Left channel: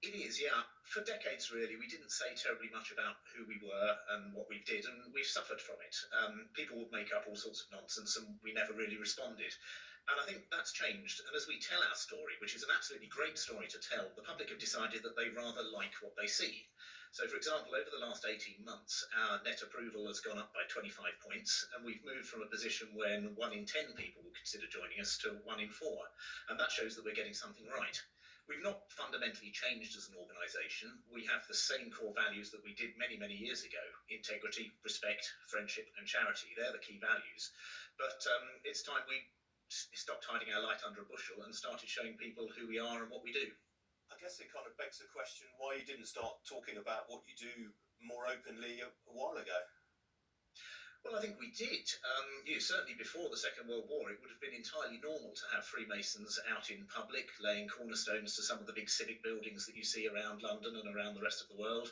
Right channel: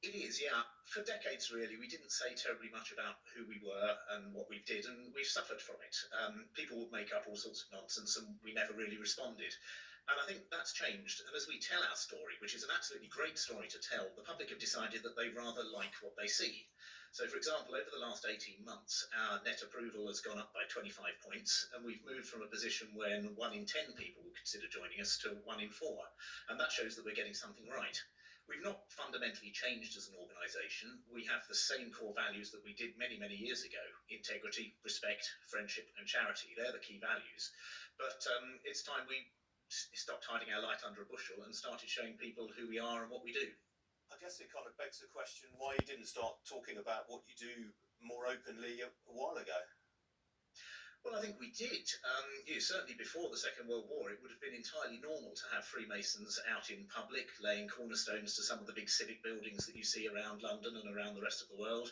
It is, yeah. For decades, really, we didn't say terribly much about who we were and what we did, and we've suffered from it. People would make up all sorts of nonsense, and we never really responded. And I think that's changed. And as we tell our story, which is an absolutely great story to tell, the public have decided that they rather like what they see. So, for example, over the last 18 months, our net approval has gone up by 25 points, and we've moved from a position when 1 in 10 people would consider joining us to 1 in 4. And that shows that we're getting something right. We've not fundamentally changed as an organisation. We have the same core values that we did many, many years ago: integrity, respect, friendship, and charity. They're the key values. But it's time we stopped hiding our light under a bushel and started showing people who we are and what we do. I guess it kind of begs the question why you didn't start talking about what you do more openly a while ago. Well, I think we did. Certainly before the Second World War, it would have been entirely normal to have Freemasons out in public, laying cornerstones to some of the big civic buildings that you see around London and around the rest of the world.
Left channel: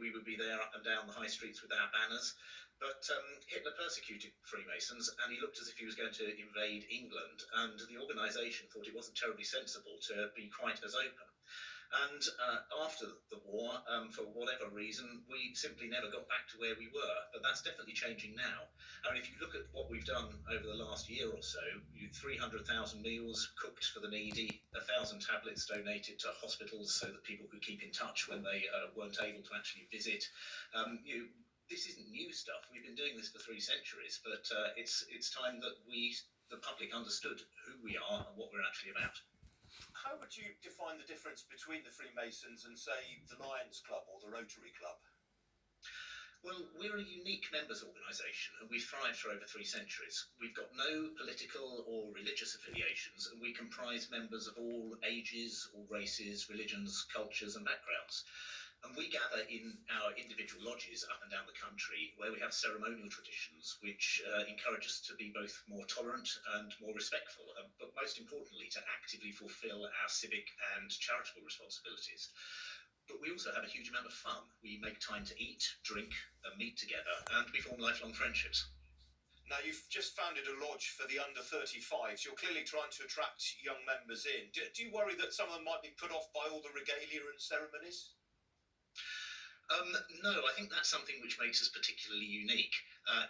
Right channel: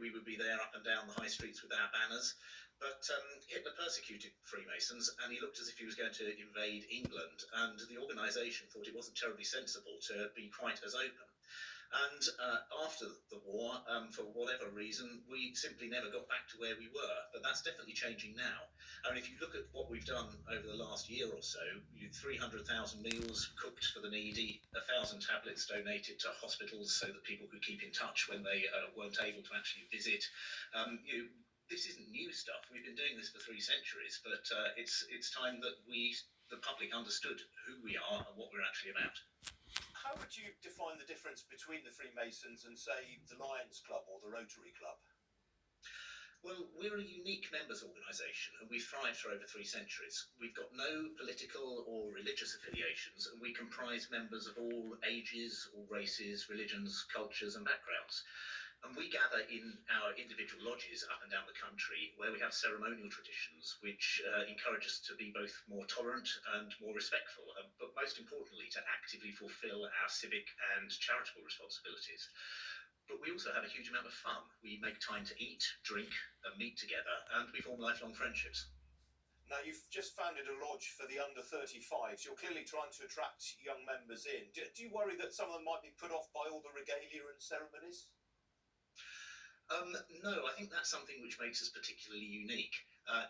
We would be there up and down the high streets with our banners. But Hitler persecuted Freemasons, and he looked as if he was going to invade England, and the organisation thought it wasn't terribly sensible to be quite as open. And after the war, for whatever reason, we simply never got back to where we were. But that's definitely changing now. I mean, if you look at what we've done over the last year or so, 300,000 meals cooked for the needy, 1,000 tablets donated to hospitals so that people could keep in touch when they weren't able to actually visit. This isn't new stuff. We've been doing this for 3 centuries, but it's time that the public, understood who we are and what we're actually about. How would you define the difference between the Freemasons and, say, the Lions Club or the Rotary Club? Well, we're a unique members organisation, and we've thrived for over 3 centuries. We've got no political or religious affiliations, and we comprise members of all ages, all races, religions, cultures and backgrounds. And we gather in our individual lodges up and down the country, where we have ceremonial traditions which encourage us to be both more tolerant and more respectful, but most importantly, to actively fulfil our civic and charitable responsibilities. But we also have a huge amount of fun. We make time to eat, drink, and meet together, and we form lifelong friendships. Now, you've just founded a lodge for the under 35s. You're clearly trying to attract young members in. Do you worry that some of them might be put off by all the regalia and ceremonies? No, I think that's something which makes us particularly unique.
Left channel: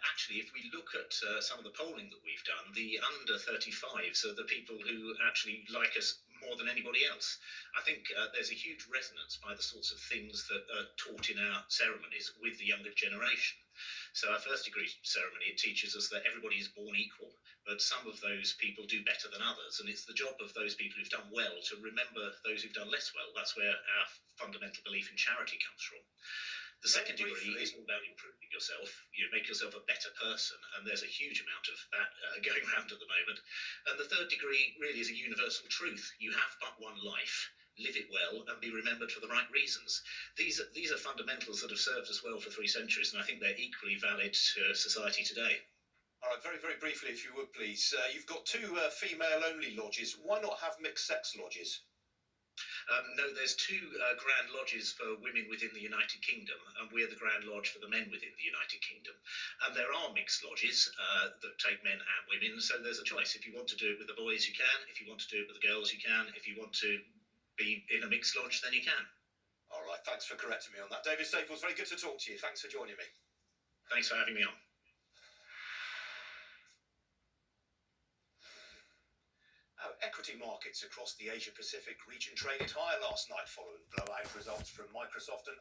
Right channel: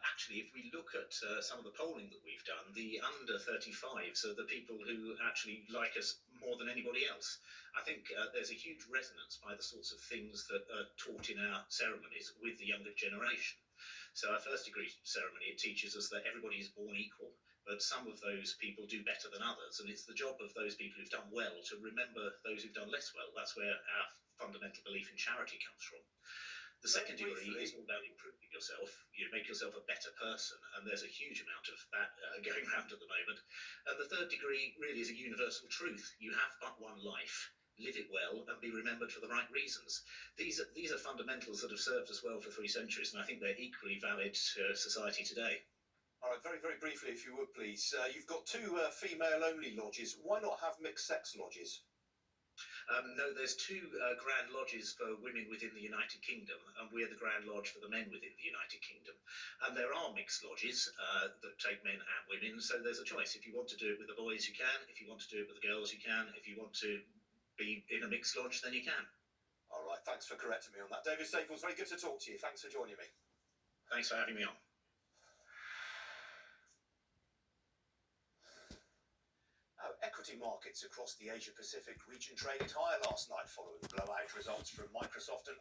Actually, if we look at some of the polling that we've done, the under 35s are the people who actually like us more than anybody else. I think there's a huge resonance by the sorts of things that are taught in our ceremonies with the younger generation. So our first degree ceremony, it teaches us that everybody is born equal, but some of those people do better than others, and it's the job of those people who've done well to remember those who've done less well. That's where our fundamental belief in charity comes from. The second degree is all about improving yourself. You make yourself a better person, and there's a huge amount of that going around at the moment. And the third degree really is a universal truth. You have but one life. Live it well and be remembered for the right reasons. These are fundamentals that have served us well for 3 centuries, and I think they're equally valid to society today. All right, very, very briefly, if you would, please. You've got 2 female-only lodges. Why not have mixed-sex lodges? No, there's 2 Grand Lodges for women within the United Kingdom, and we're the Grand Lodge for the men within the United Kingdom. And there are mixed lodges that take men and women, so there's a choice. If you want to do it with the boys, you can. If you want to do it with the girls, you can. If you want to be in a mixed lodge, then you can. All right, thanks for correcting me on that. David Staples, very good to talk to you. Thanks for joining me. Thanks for having me on. Equity markets across the Asia-Pacific region traded higher last night following blowout results from Microsoft and